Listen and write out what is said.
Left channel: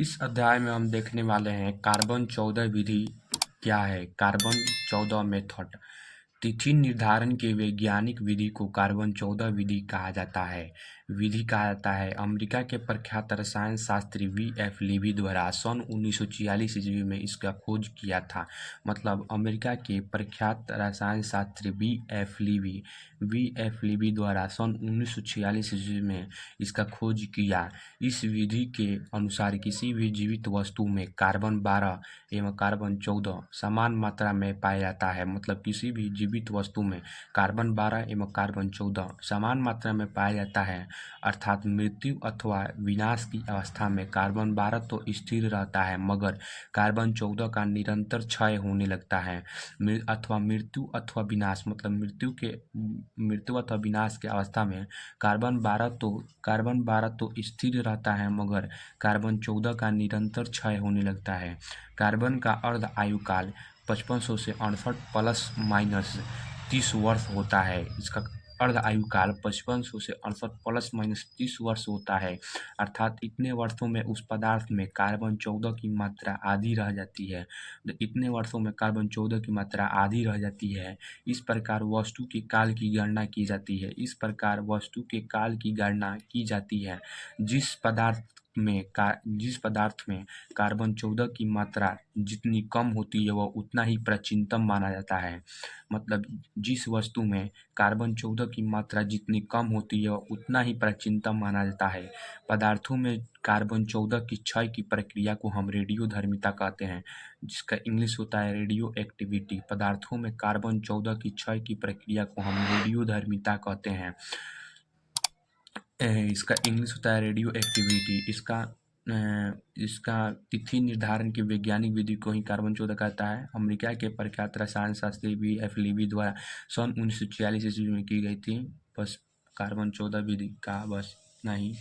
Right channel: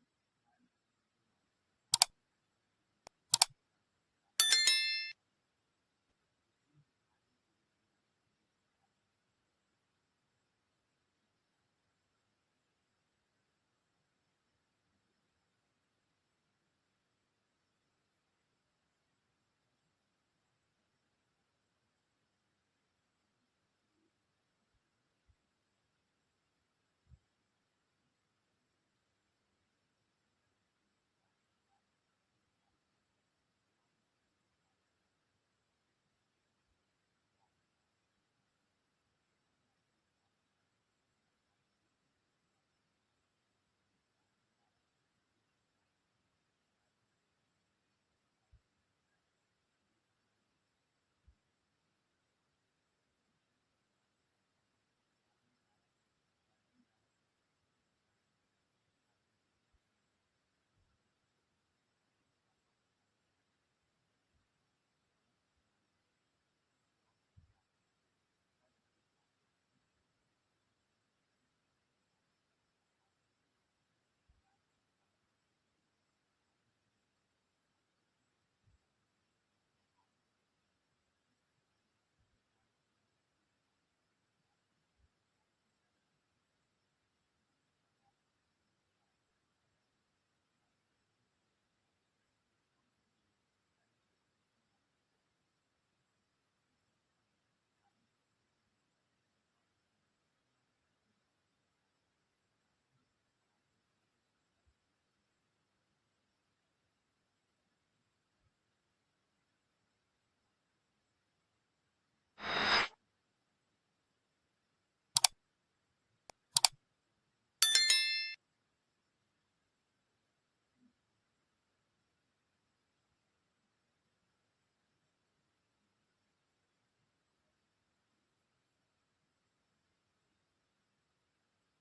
इस अध्याय में हम देखने वाले हैं कार्बन 14 विधि क्या है। कार्बन 14 मेथड तिथि निर्धारण के वैज्ञानिक विधि को कार्बन 14 विधि कहा जाता है। विधि कहा जाता है अमेरिका के प्रख्यात रसायन शास्त्री वी.एफ. लीवी द्वारा सन 1946 ईस्वी में इसका खोज किया था। मतलब अमेरिका के प्रख्यात रसायन शास्त्री वी.एफ. लीवी द्वारा सन 1946 ईस्वी में इसका खोज किया। इस विधि के अनुसार किसी भी जीवित वस्तु में कार्बन 12 एवं कार्बन 14 समान मात्रा में पाया जाता है। मतलब किसी भी जीवित वस्तु में कार्बन 12 एवं कार्बन 14 समान मात्रा में पाया जाता है। अर्थात मृत्यु अथवा विनाश की अवस्था में कार्बन 12 तो स्थिर रहता है मगर कार्बन 14 का निरंतर क्षय होने लगता है। अथवा मृत्यु अथवा विनाश मतलब मृत्यु अथवा विनाश की अवस्था में कार्बन 12 तो स्थिर रहता है मगर कार्बन 14 का निरंतर क्षय होने लगता है। कार्बन का अर्ध आयुकाल 5500 से 68 प्लस माइनस 30 वर्ष होता है। इसका अर्ध आयुकाल 5500 से 68 प्लस माइनस 30 वर्ष होता है। अर्थात इतने वर्षों में उस पदार्थ में कार्बन 14 की मात्रा आधी रह जाती है। इतने वर्षों में कार्बन 14 की मात्रा आधी रह जाती है। इस प्रकार वस्तु के काल की गणना की जाती है। जिस पदार्थ में कार्बन 14 की मात्रा जितनी कम होती है वह उतना ही प्राचीनतम माना जाता है। मतलब जिस वस्तु में कार्बन 14 की मात्रा जितनी कम होती है वह उतना ही प्राचीनतम माना जाता है। पदार्थों में कार्बन 14 की क्षय की प्रक्रिया को हम रेडियोधर्मिता कहते हैं, जिसका इंग्लिश होता है रेडियो एक्टिविटी। पदार्थों में कार्बन 14 की क्षय की प्रक्रिया को हम रेडियोधर्मिता कहते हैं। इसका इंग्लिश होता है रेडियो एक्टिविटी। इसका तिथि निर्धारण की वैज्ञानिक विधि को ही कार्बन 14 कहता है। अमेरिका के प्रख्यात रसायन शास्त्री वी.एफ. लीवी द्वारा सन 1946 ईस्वी में की गई थी। बस कार्बन 14 विधि का बस इतना ही।